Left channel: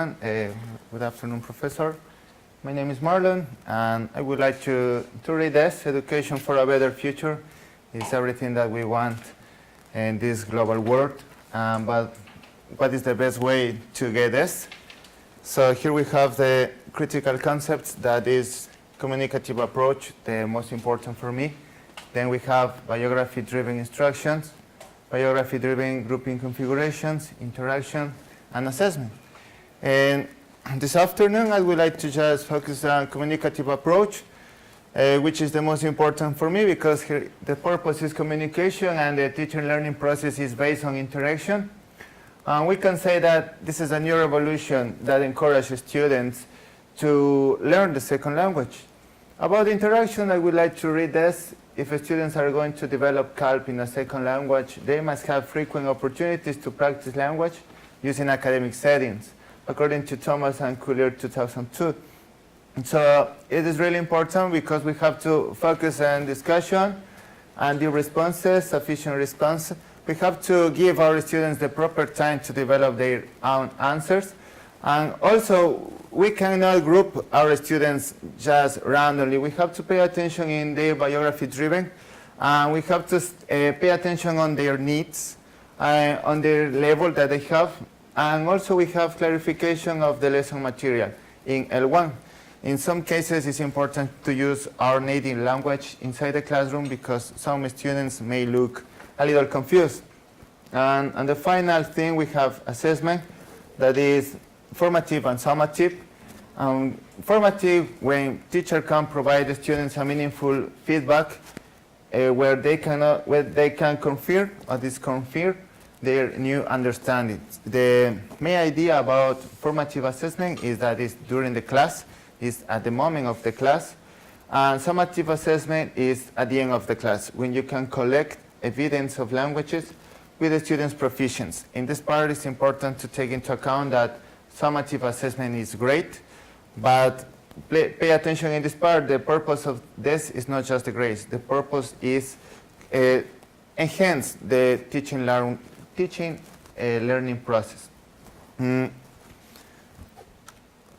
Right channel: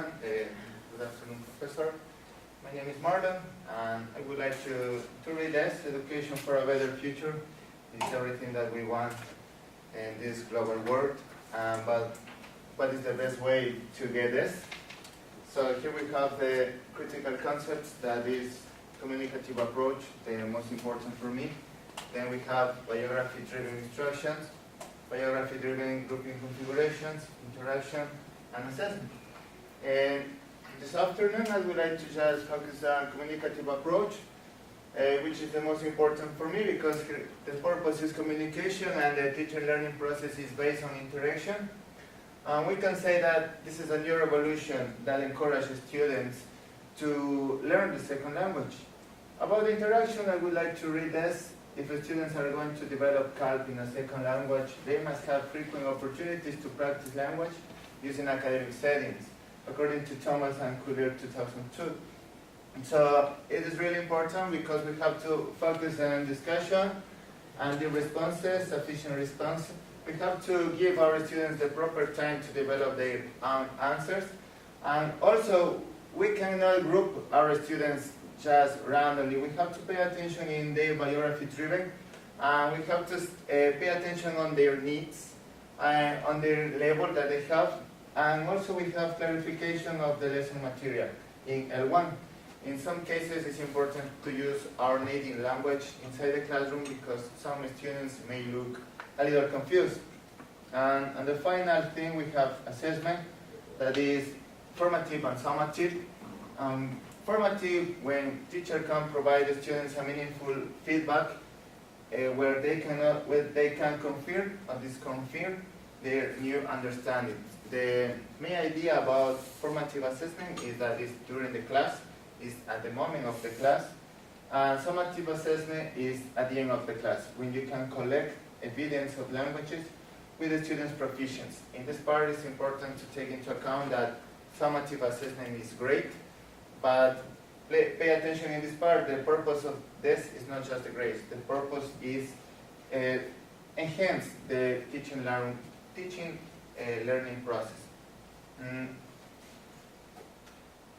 everyone. Good afternoon, Professor. My name is Marlon, and I would like to read this, Education for a Better Future. It's everything that we want in this global world, but what is the best way to get this? So here we have the critical concepts, that is communicative approach, the most important for me. Then we have biography-driven instructions, biography-driven grouping configurations, interaction, and assessment. And this afternoon, I would like to just focus on communicative approach, which is the most important for me because here the purpose is communication and the teaching learning process is based on interaction. We can say that this is a new revolution that encourages students to learn the second language. About interaction, I would like to read this. If students are going to develop CALP in a second language, they must have frequent opportunities to practice language using academic settings, according to Thomas and Collier 2002. So it is really important because we have to focus on discussion and the responses, sufficient response. We have to give our students the proper time to develop their own answers. And also, we cannot group our students just randomly. We have to pay attention in their biography-driven. We have to pay attention on their needs, on their level that they have. And also we have clarification of the lesson material in L1. In some cases, it's important to use our native language inside the classroom because some students may look a little confused. And the final thing, we have assessment, that is formative and summative. Formative, when teacher can provide the students a meaningful feedback where they can confirm or disconfirm their new understandings. The main idea about formative assessment is that it's during the class, is at the moment of the class, and summative assessment is at the end of the class, when you can collect evidence of languages with the students' proficiency. In this part, it's important to take into account that summative assessment is great, but pay attention in this part. The purpose of this is not just the grades. The purpose is enhance the teaching learning process.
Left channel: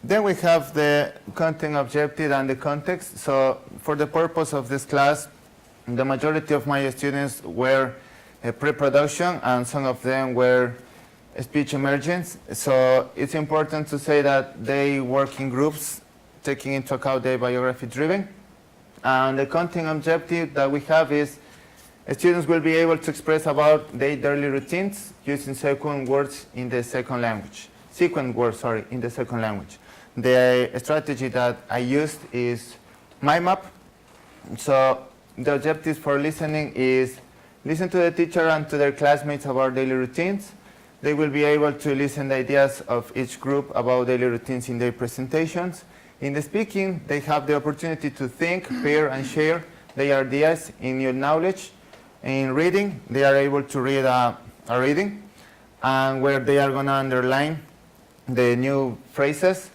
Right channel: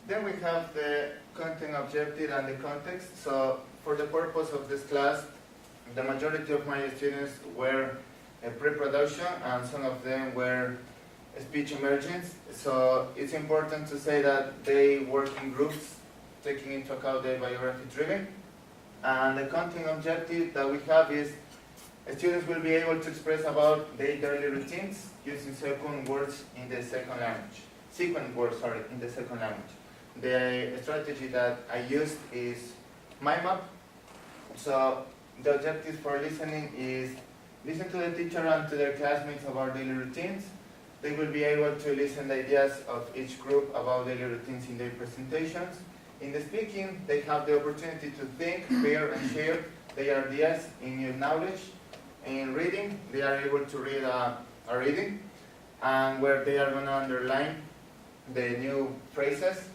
Then we have the content objective and the context. So for the purpose of this class, the majority of my students were pre-production and some of them were speech emergence. So it's important to say that they work in groups, taking into account their biography driven. And the content objective that we have is students will be able to express about their daily routines using sequence words in the second language. In the second language. The strategy that I used is mind map. So the objectives for listening is listen to the teacher and to their classmates about daily routines. They will be able to listen to ideas of each group about daily routines in their presentations. In the speaking, they have the opportunity to think, pair, and share their ideas in new knowledge. In reading, they are able to read a reading, and where they are going to underline the new phrases.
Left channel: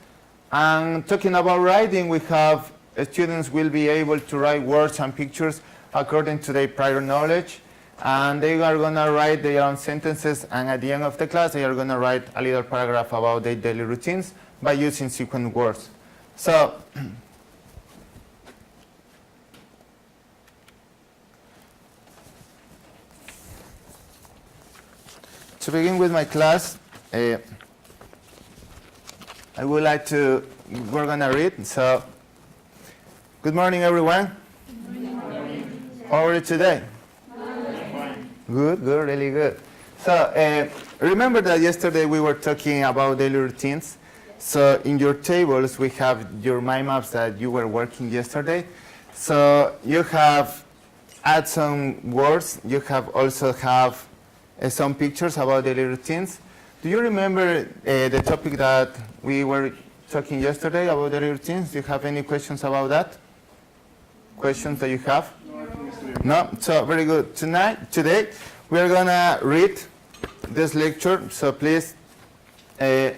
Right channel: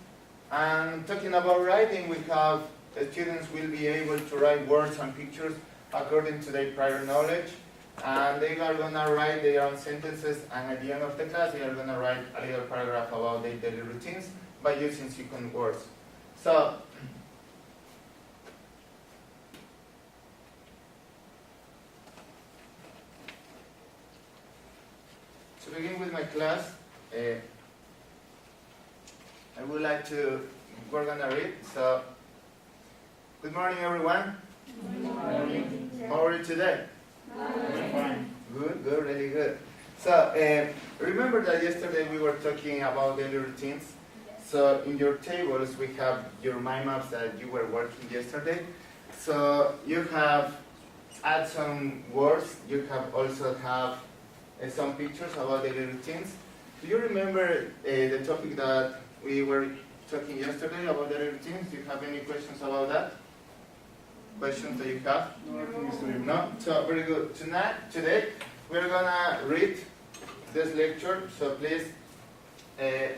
And talking about writing, we have students will be able to write words and pictures according to their prior knowledge. And they are going to write their own sentences, and at the end of the class, they are going to write a little paragraph about their daily routines by using sequence words. So, to begin with my class, I would like to, we're going to read. So, good morning, everyone. Good morning. How are you today? Good, really good. So remember that yesterday we were talking about daily routines. So in your tables we have your mind maps that you were working yesterday. So you have add some words. You have also have some pictures about daily routines. Do you remember the topic that we were talking yesterday about daily routines? Do you have any questions about that? Questions that you have? No? So very good. Today, we're going to read this lecture. So please, this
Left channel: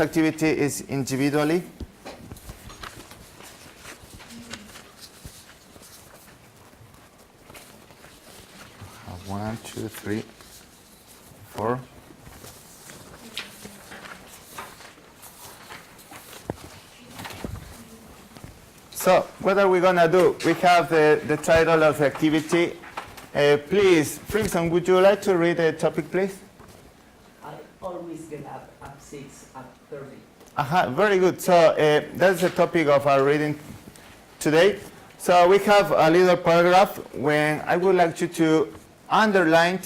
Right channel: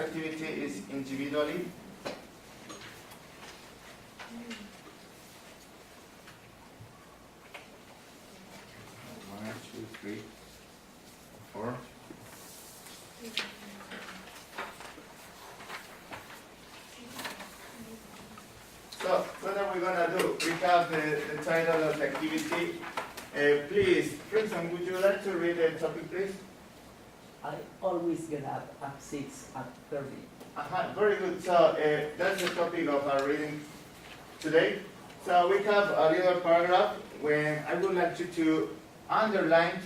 activity is individually. 1, 2, 3, 4, So what are we going to do? We have the title of the activity. Please, Frimson, would you like to read the topic, please? I always get up at 6 at 30. Very good. So that's the topic of our reading today. So we have a little paragraph when I would like you to underline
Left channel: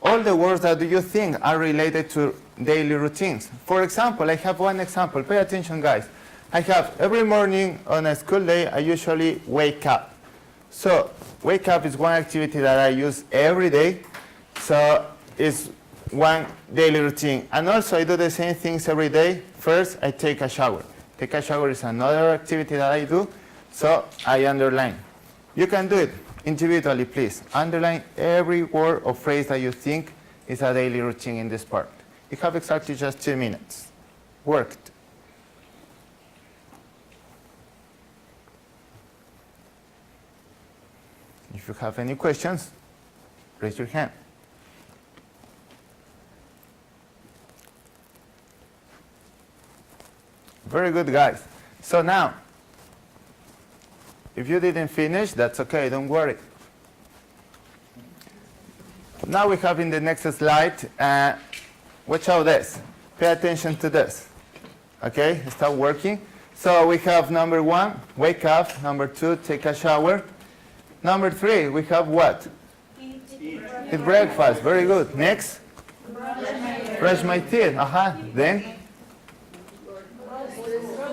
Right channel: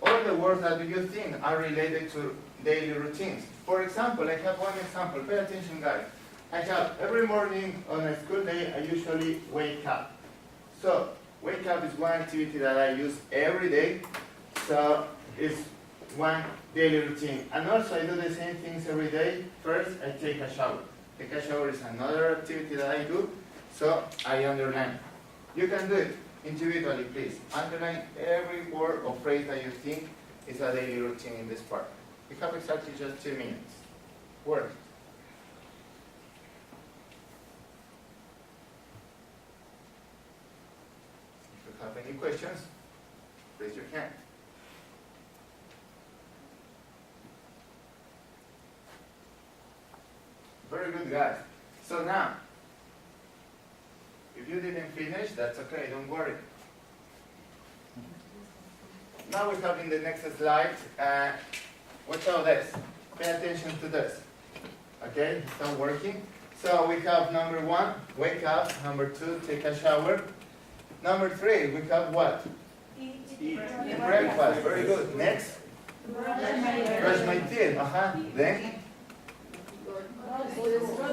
all the words that you think are related to daily routines. For example, I have one example. Pay attention, guys. I have every morning on a school day, I usually wake up. So wake up is one activity that I use every day. So it's one daily routine. And also I do the same things every day. First, I take a shower. Take a shower is another activity that I do. So I underline. You can do it individually, please. Underline every word or phrase that you think is a daily routine in this part. You have exactly just 2 minutes. Worked. If you have any questions, raise your hand. Very good, guys. So now, if you didn't finish, that's okay, don't worry. Now we have in the next slide, watch out this. Pay attention to this. Okay, start working. So we have number 1, wake up. Number 2, take a shower. Number 3, we have what? Eat breakfast. Very good. Next? Brush my teeth. Then?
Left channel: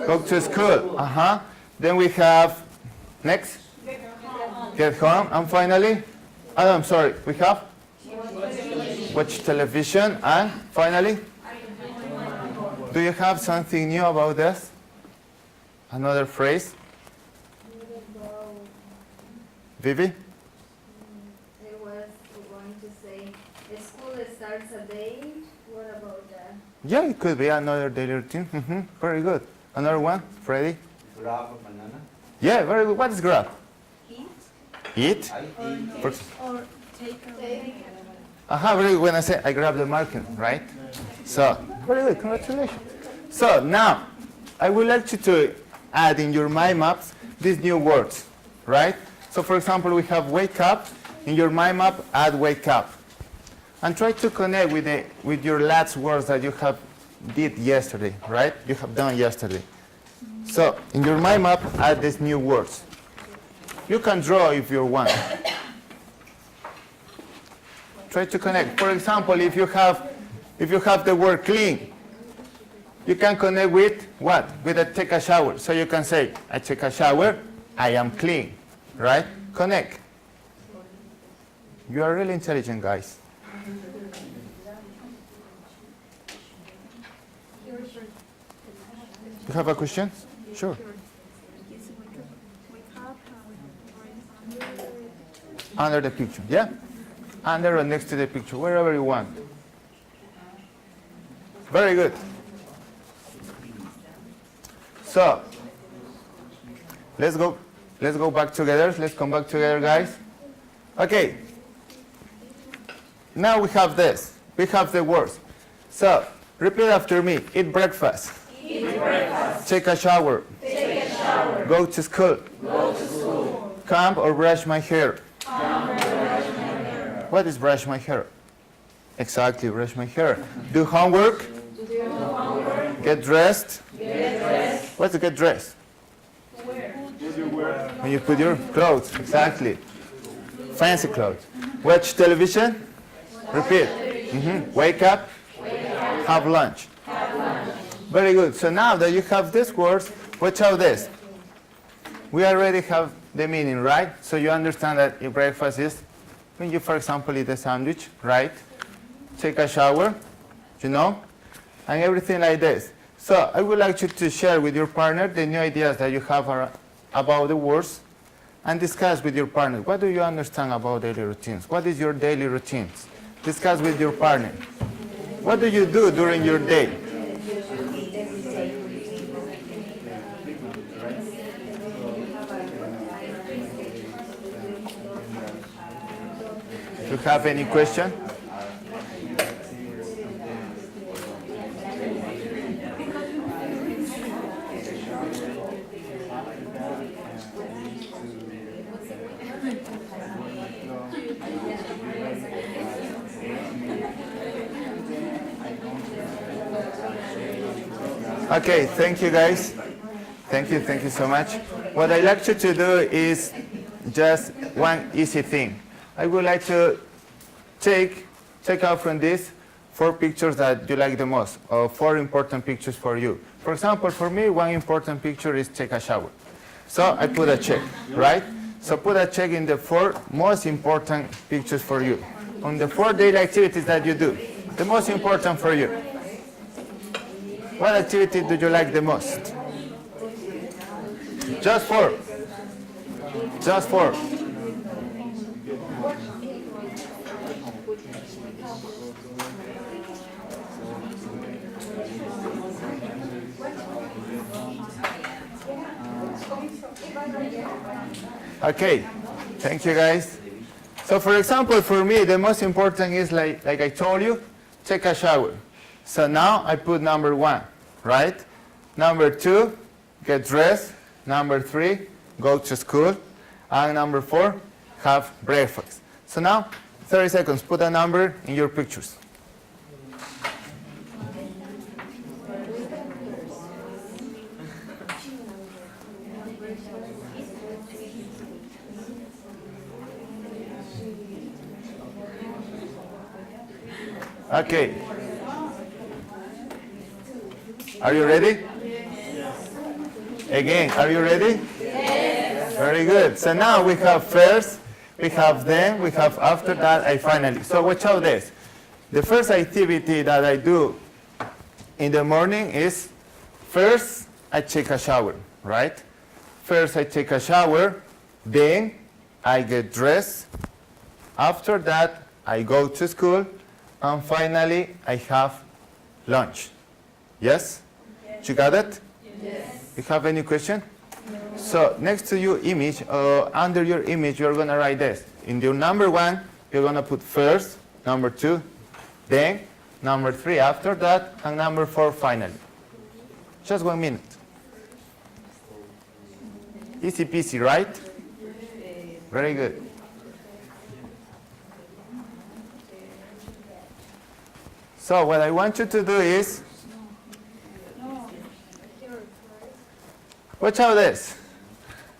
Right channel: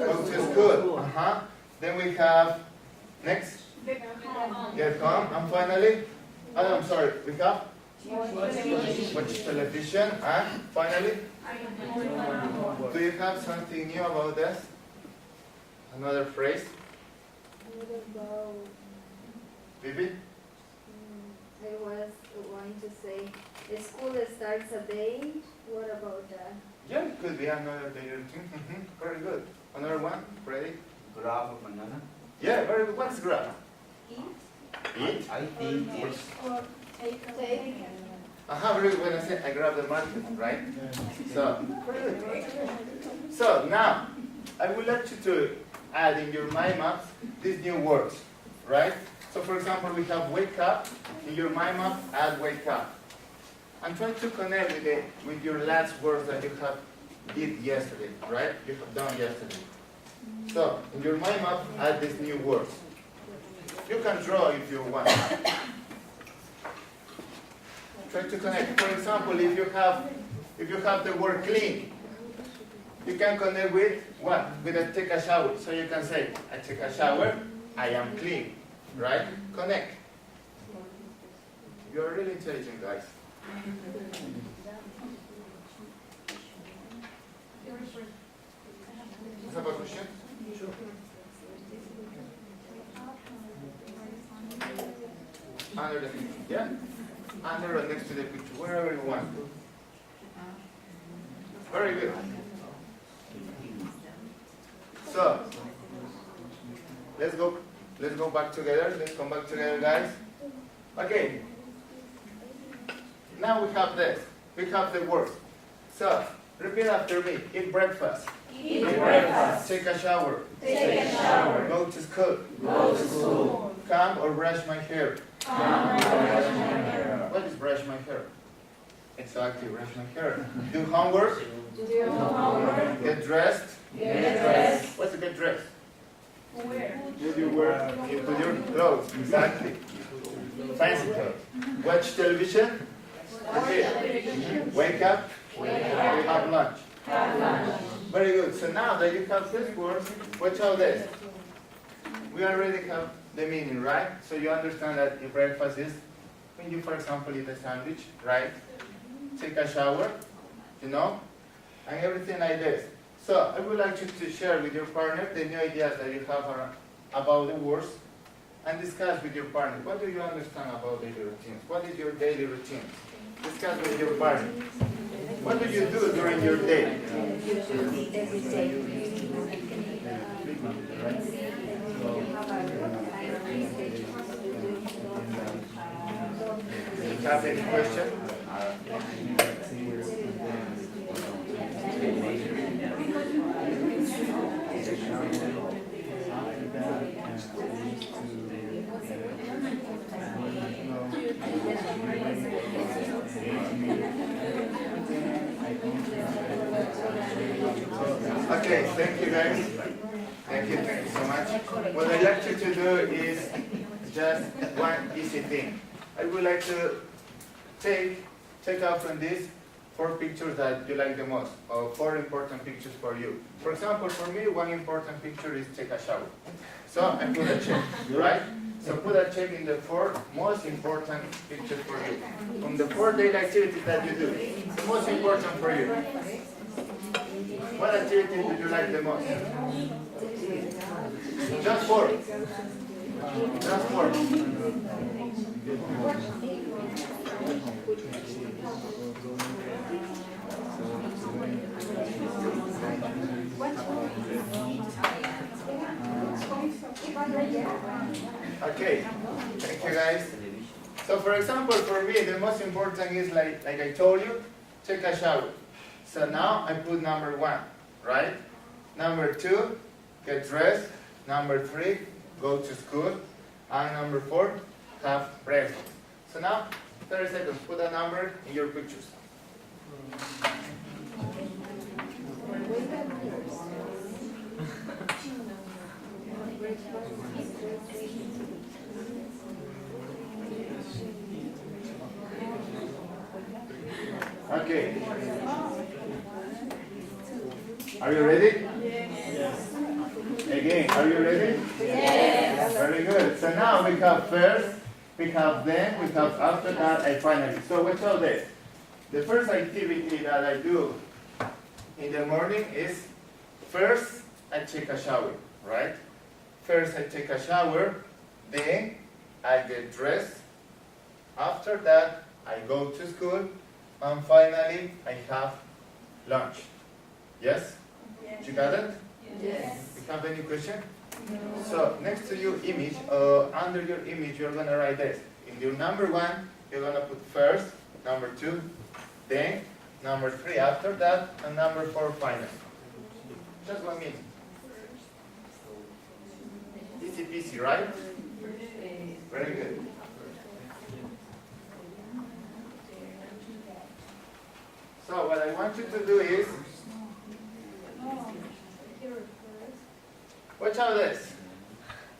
Go to school. Then we have, next? Get home. And finally? Oh, I'm sorry. We have? Watch television. And finally? Do you have something new about this? Another phrase? Vivi? I was going to say, the school starts at 8. What about that? Yeah, it could be another daily routine. Very good. Another one, Freddy? Grab a banana. Yeah, very good. What is grab? Eat. Eat? I think For- Or take. very good. When I say I grab the marker, right? So, very good. Congratulations. So now, I would like you to add in your mind maps these new words, right? So for example, we have wake up. In your mind map, add wake up. And try to connect with your last words that you have did yesterday, right? You have done yesterday. So in your mind map, add these new words. You can draw if you want. Try to connect. For example, if you have the word clean, you can connect with what? With a take a shower. So you can say, I take a shower, I am clean, right? Connect. You are really intelligent, guys. You have a question? Sure. Under the picture, yeah? Under or next to the picture, wherever you want. Very good. So, let's go back together. Let's come back together, guys. Okay. Now we have this. We have the words. So, repeat after me. Eat breakfast. Eat breakfast. Take a shower. Take a shower. Go to school. Go to school. Comb or brush my hair. What is brush my hair? Exactly, brush my hair. Do homework. Do homework. Get dressed. Get dressed. What's get dressed? Where? When you put your clothes, exactly. Fancy clothes. Watch television. Repeat. Wake up. Have lunch. Very good. So now that you have these words, watch out this. We already have the meaning, right? So you understand that if breakfast is when you, for example, eat a sandwich, right? Take a shower, you know, and everything like this. So I would like you to share with your partner the new ideas that you have about the words and discuss with your partner. What do you understand about daily routines? What is your daily routines? Discuss with your partner. What do you do during your day? Do you have any question? Okay, thank you guys. Thank you so much. What I'd like you to do is just one easy thing. I would like to take out from this 4 pictures that you like the most, or 4 important pictures for you. For example, for me, one important picture is take a shower. So I put a check, right? So put a check in the 4 most important pictures for you. On the 4 daily activities that you do, the most important for you. What activity do you like the most? Just 4. Just 4. Okay, thank you guys. So for example, for me, the most important is like I told you, take a shower. So now I put number 1, right? Number 2, get dressed. Number 3, go to school. And number 4, have breakfast. So now, 30 seconds, put a number in your pictures. Okay. Are you ready? Again, are you ready? Yes. Very good. So now we have first, we have then, we have after that, and finally. So watch out this. The first activity that I do in the morning is first I take a shower, right? First I take a shower, then I get dressed. After that, I go to school, and finally I have lunch. Yes? You got it? Yes. You have any question? No. So next to your image, under your image, you're going to write this. In your number 1, you're going to put first, number 2, then number 3 after that, and number 4 finally. Just 1 minute. Easy peasy, right? Very good. So what I want you to do is, watch out this.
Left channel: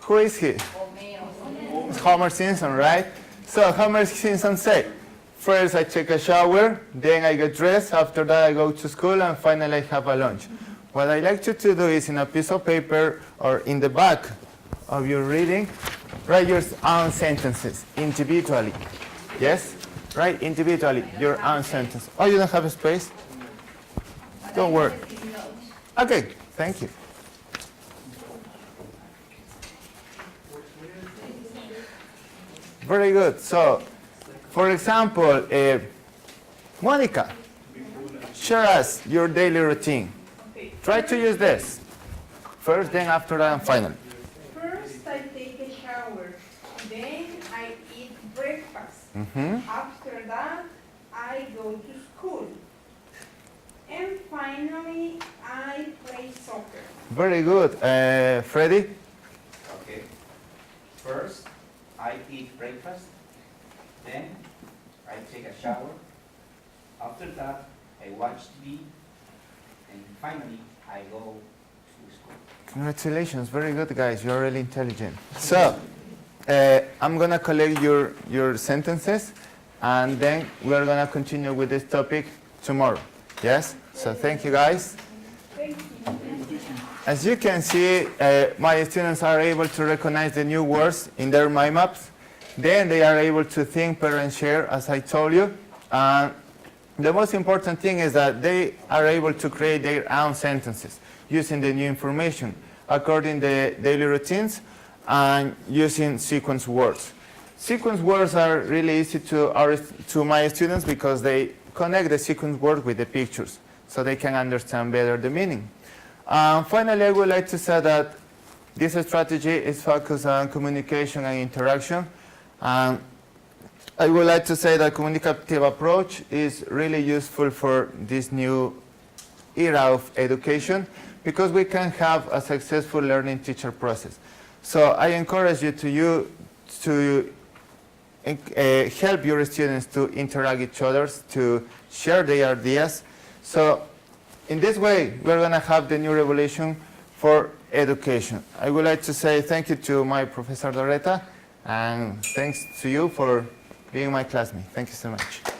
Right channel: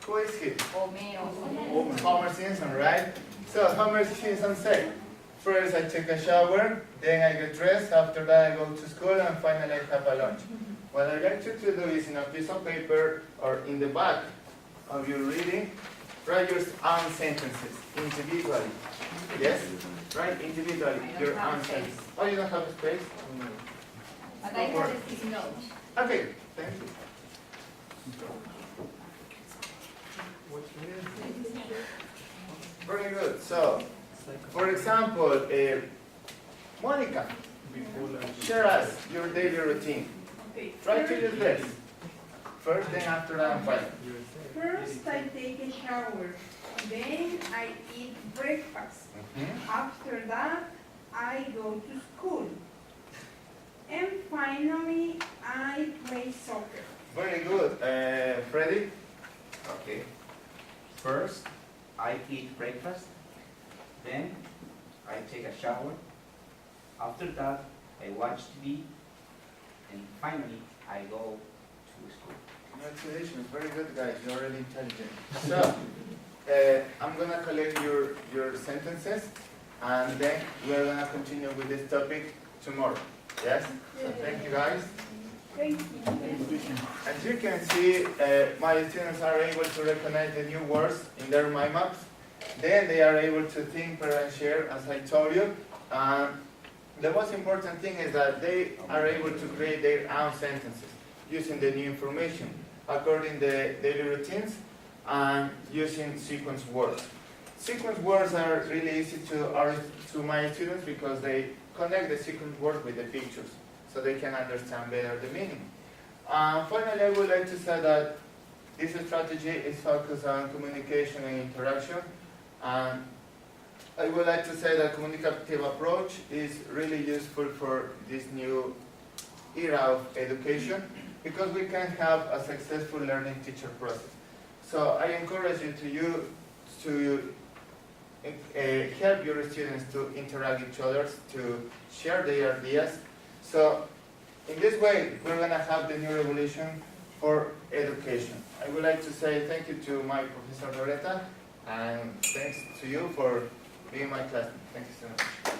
Who is he? It's Homer Simpson, right? So Homer Simpson said, first I take a shower, then I get dressed, after that I go to school, and finally I have a lunch. What I like you to do is in a piece of paper or in the back of your reading, write your own sentences individually. Yes? Write individually your own sentence. Oh, you don't have a space? Don't worry. Okay, thank you. Very good. So, for example, Monica, share us your daily routine. Try to use this. First, then after that, and finally. First, I take a shower. Then I eat breakfast. After that, I go to school. And finally, I play soccer. Very good. Freddy? Okay. First, I eat breakfast. Then, I take a shower. After that, I watch TV. And finally, I go to school. Congratulations. Very good, guys. You're really intelligent. So, I'm going to collect your sentences, and then we're going to continue with this topic tomorrow. Yes? So thank you, guys. Thank you. As you can see, my students are able to recognize the new words in their mind maps. Then they are able to think, pair, and share, as I told you. The most important thing is that they are able to create their own sentences using the new information according to the daily routines and using sequence words. Sequence words are really easy to my students because they connect the sequence word with the pictures so they can understand better the meaning. Finally, I would like to say that this strategy is focused on communication and interaction. I would like to say that communicative approach is really useful for this new era of education because we can have a successful learning teacher process. So I encourage you to help your students to interact with each other, to share their ideas. So in this way, we're going to have the new revolution for education. I would like to say thank you to my Professor Doretta, and thanks to you for being my classmate. Thank you so much.